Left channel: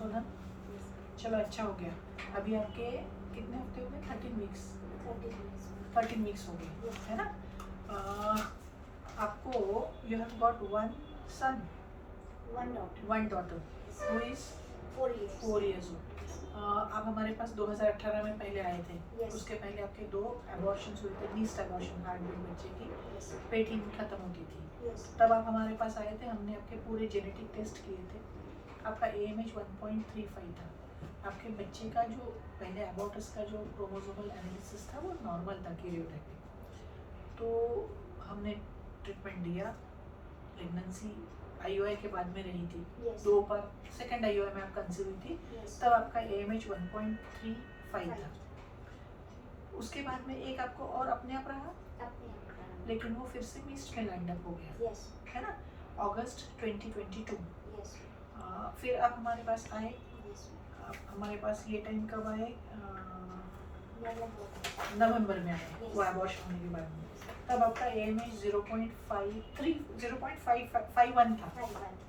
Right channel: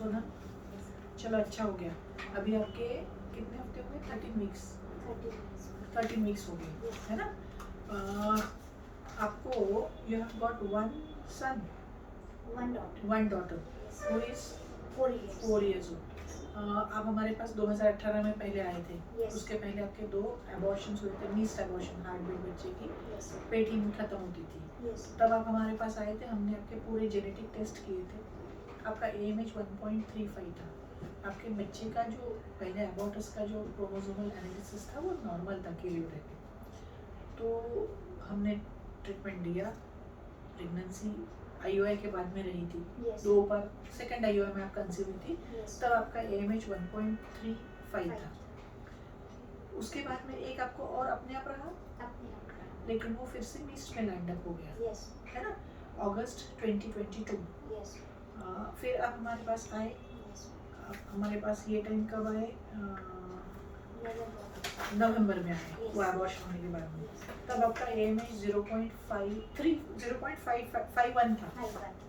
सोना चलो अच्छा हो गया। अभी आपके कितने हफ्ते हो गए? 13 वीक्स। 13 वीक्स हो गए है ना। आपको you have got one son one daughter who is 4 years old। आप हमारे पास 2018 में पहले आए थे। उसके पहले आपके 2 एबॉर्शंस हुए थे, नीस्ट एबॉर्शन, हार्ट बीट बच्चे की पेट ही में खत्म होती थी। तब आप हमारे पास आए थे, हमने आपके पूरे जेनेटिक टेस्ट किए थे। आपका AMH 1.35 था। आपके बच्चे का जो पहले एबॉर्टस का जो क्रोमोसोमल एनालिसिस था वो नॉर्मल था, कैरियोटाइपिक। तो हमने ट्रीटमेंट दिया। प्रेगनेंसी IUI के बाद में रही थी। 2 बार सेकेंड IUI में आप कंसीव हुई थी। तब आपका AMH 1.35 था। उसके बाद में एक आपको और अपने आप रहा, लेकिन वो फिर से मीस्ट में लैंड अप हो गया है ना, अगस्त 2022। फिर आप हमारे पास आए। हमारे पास ये टाइम कब आए? नवंबर में आए, वो एबॉर्शन होने के बाद में। तब आपका AMH 0.51 था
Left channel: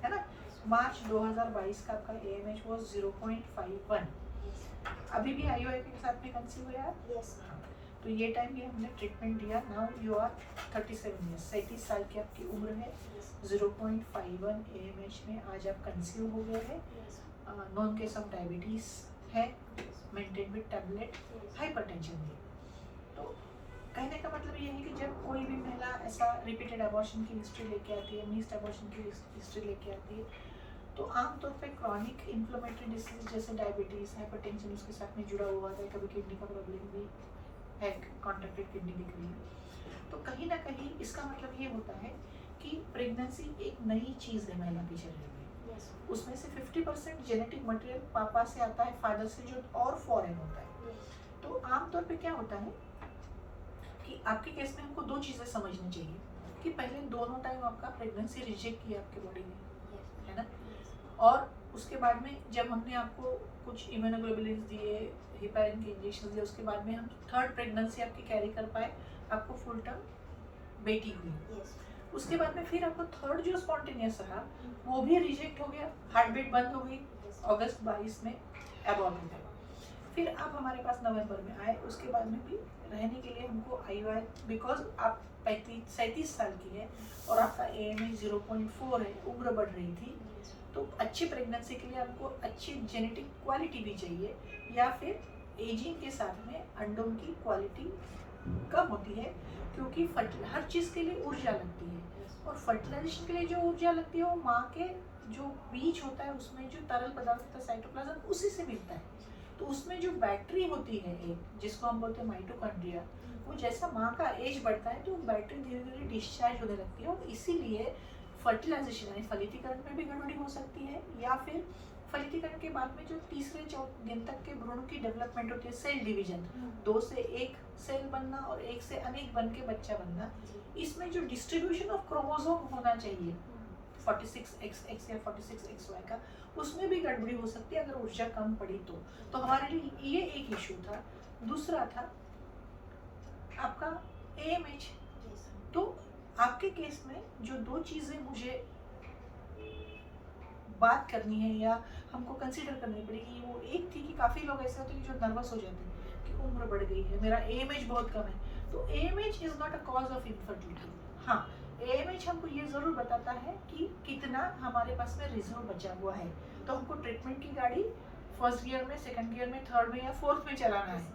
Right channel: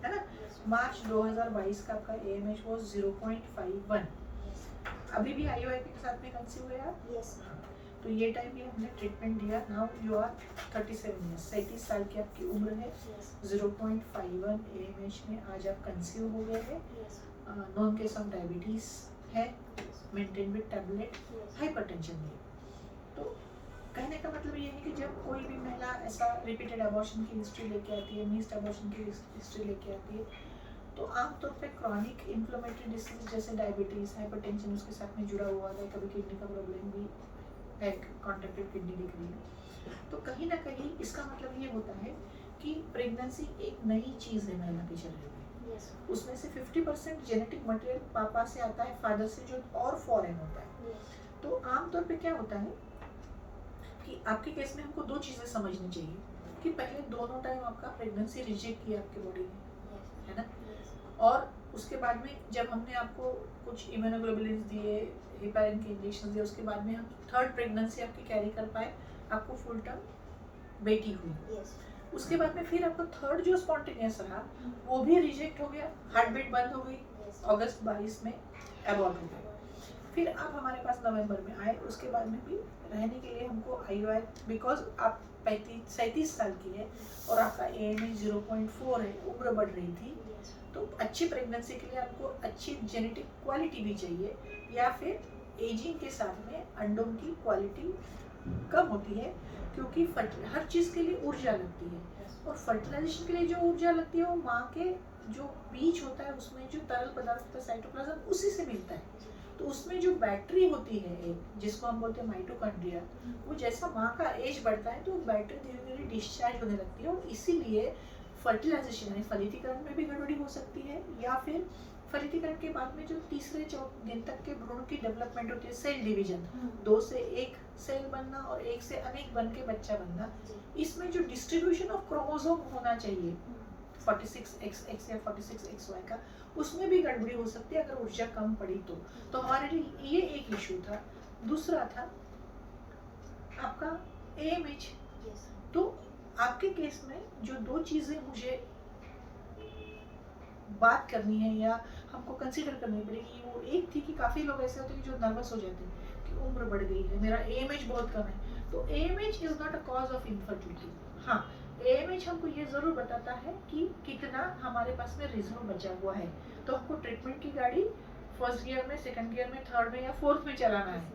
है ना। मार्च 2022 का आपका AMH वो 0.51। अभी भी IUI के साथ में कंसीव हुआ है। तो ये टाइम भी हमने ट्रीटमेंट दिया। नाउ यू आर 37 ईयर्स, 37 साल की आपकी उम्र है। 0.51 AMH में आज आप कंसीव हो गए हैं। नॉन केस ऑफ डायबिटीज है, मेंटेन विद टैबलेट, हाइपरटेंशन है। तो कहने का मतलब ये है कि जब कोई भी महिला ऐसा रिपीटेड अबॉर्शन की हिस्ट्री लेके आती है, मीस्ट अबॉर्शन की हिस्ट्री लेके आती है, तो आमतौर पे क्रॉनिक इन्फ्लेमेटरी डिसीज जैसे डायबिटीज, हाइपरटेंशन उसके साथ में जुड़ा हुआ है। कभी किडनी का प्रॉब्लम भी है, कॉन्ट्रैक्टेड किडनी दिख रही है। तो कहीं ना कहीं इसका मतलब ये होता है कि प्रेगनेंसी एक नई चीज़ है महिला के शरीर में। उसमें से 50% जेनेटिक मटेरियल पापा से आता है, फादर से, जो और फॉरेन होता है। तो आमतौर पे क्या होता है कि आपके केस में हमको 2 चीज़ें समझनी चाहिए कि पहले दोनों टाइम आपका प्रेगनेंसी रिजेक्ट किया आपके बॉडी ने, है ना। और उसके बाद में जब हमने आपको कुछ इम्यूनोग्लोबुलिन दिए, हेपेरिन के इंजेक्शन दिए, उसके बाद में हम थर्ड प्रेगनेंसी आपकी कैरी कर पाए, आपको फुल टर्म बेटी हुई। उसके बाद में फिर आपको थर्ड जो स्पॉन्टेनियस रहा वो भी रिजेक्ट हो गया, हार्ट बीट बंद हो गई, अगस्त 22 में एबॉर्ट हो गया। फिर आप हमारे पास नवंबर में आए। उसके बाद में भी रहने के लिए हमको IUI, बिकॉज आप 37 साल की है और आपका AMH 0.4 है, उम्र बढ़ रही थी, तो अच्छी प्रेगनेंसी के लिए आपको अच्छी जेनेटिक क्वालिटी भी चाहिए, या फिर एजिंग के साथ में अंडों की क्वालिटी कम होती है, क्योंकि हर चीज़ के लिए ऊर्जा लगती है, और फर्टिलाइजेशन के लिए जो ऊर्जा लगती है वो माँ के जो बीज होता है उसमें जो तरल पदार्थ होता है साइटोप्लाज्म, उसी से मिलता है। तो उसमें जो बैटरी होती है एक, जिसको हम बोलते हैं माइटोकॉन्ड्रिया, वो जैसा माँ का एज बढ़ता है तो वो बैटरी धीरे धीरे डिस्चार्ज होने लगती है, और इसीलिए फर्टिलाइजेशन यानी फलितीकरण में भी गड़बड़ी हो सकती है, या फिर फलितीकरण के बाद में जो तीसरे दिन तक के भ्रूण की डेवलपमेंट होती है, सेल डिवीजन, 2 से 1 सेल बनना और 1 से अनेक बन के बच्चा बनना, इसमें जो डिस्ट्रीब्यूशन ऑफ क्रोमोसोम होना चाहिए 46XX या 46XY का, उसमें भी गड़बड़ी हो सकती है अगर ऊर्जा कम पड़ी तो हमारे लिए ये एक इशू था। दूसरा था आपका AMH। तो आपके केस में जो 2 चीज़ें मुझे बात करनी है या हमको कंसीडर करनी पड़ेगी, वो एक थी कि काफ़ी लोग ऐसे होते हैं जो नर्वस हो जाते हैं कि उम्र बढ़ गई है, मेरा AMH बहुत कम है। तो AMH is not a cause of infertility. हाँ, AMH हमको ये ज़रूर बताता है कि कितना हमारे पास में रिजर्व बचा हुआ है, तो हमको ट्रीटमेंट की गाड़ी फर्स्ट गियर में, सेकंड गियर में, थर्ड में या फोर्थ में चलाना है,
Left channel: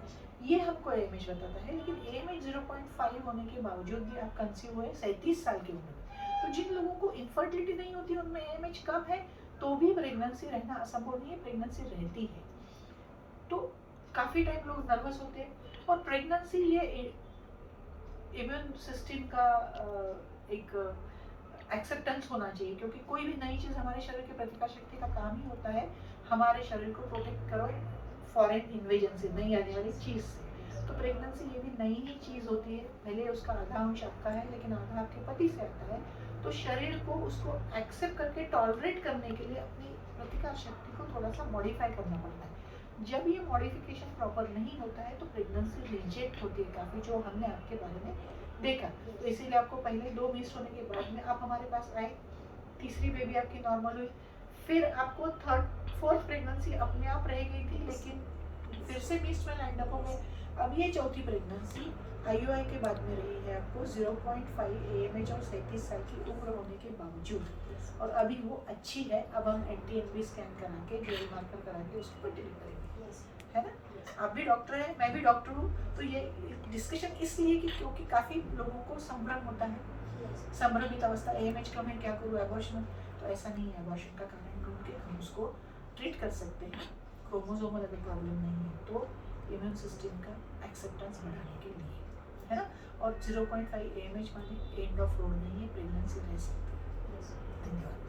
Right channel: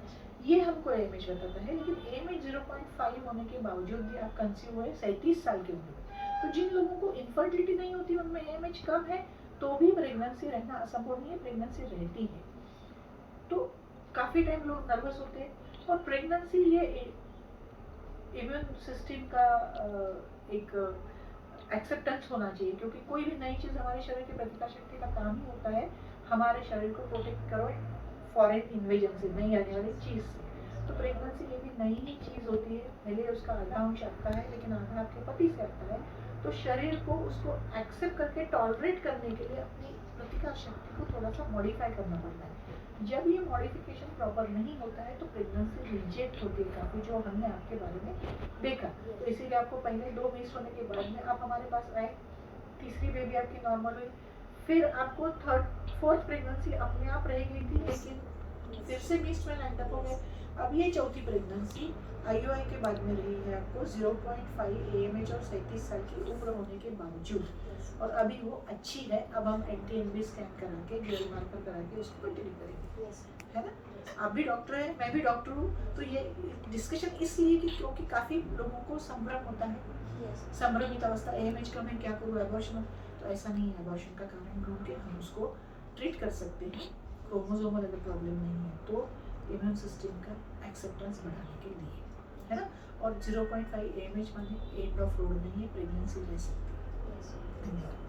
ये हमको AMH बताता है। लेकिन AMH 0.5 होने के बावजूद भी आप कंसीव हुए 37 साल की उम्र में। तो जिन लोगों को इनफर्टिलिटी नहीं होती उनमें AMH कम है तो भी प्रेगनेंसी रहना असंभव नहीं है, प्रेगनेंसी रहती है। तो काफ़ी टाइम लोग नर्वस होते हैं, और प्रेगनेंसी ये इम्यून सिस्टम का एक एक्सेप्टेंस होना चाहिए, क्योंकि कोई भी नई चीज़ हमारे शरीर की प्रतिकार शक्ति का काम ही होता है हमारे शरीर को प्रोटेक्ट करो फॉरेन इन्वेजन से, नहीं आने वाली चीज़ से। तो प्रेगनेंसी ये भी नई ही चीज़ होती है, भले उसका आधा अंश आपका है लेकिन आधा आपके पति से आता है। तो शरीर को उसको एक्सेप्ट करके टॉलरेट करने के लिए अपनी प्रतिकार शक्ति को थोड़ा सा मॉडिफाई करना पड़ता है। जब ये मॉडिफिकेशन प्रॉपर नहीं होता है तो प्रेगनेंसी रिजेक्ट होती है काफ़ी, जो हमने आपके बारे में देखा। तो इसीलिए आपको पहले 2 मिस होने के बाद में आप हमारे पास आए, तीसरी बेबी आपकी नॉर्मल हुई, फिर आपको फोर्थ प्रेगनेंसी अपने आप रह गई थी, लेकिन फिर से मिस्ड में लैंड अप हो गए। अब ये चौथी प्रेगनेंसी IUI के बाद में रही है आपको 0.5 AMH और 37 साल की उम्र होने के बावजूद, और अभी वो अच्छी है। अब हम NT-NB स्कैन करा के GL मार्कर करा के उसको कंटिन्यू करेंगे, है ना। आप भी डॉक्टर हैं, मैं भी डॉक्टर हूँ, तो ये डिस्कशन इसलिए कि क्योंकि काफ़ी लोगों को संभ्रम होता है, संभ्रमित अवस्था, AMH कम है, क्या करूँ, एबॉर्शन। तो ऐसा नहीं है, एबॉर्शन का कारण ढूंढ के हम उसको ट्रीट कर सकते हैं। क्रोमोसोमल अगर प्रॉब्लम नहीं है तो इम्यून सिस्टम का एक्सेप्टेंस बढ़ाने के लिए, है ना। और 0.5 AMH माने एंड ऑफ रोड नहीं है, प्रेगनेंसी ले सकती है। धन्यवाद।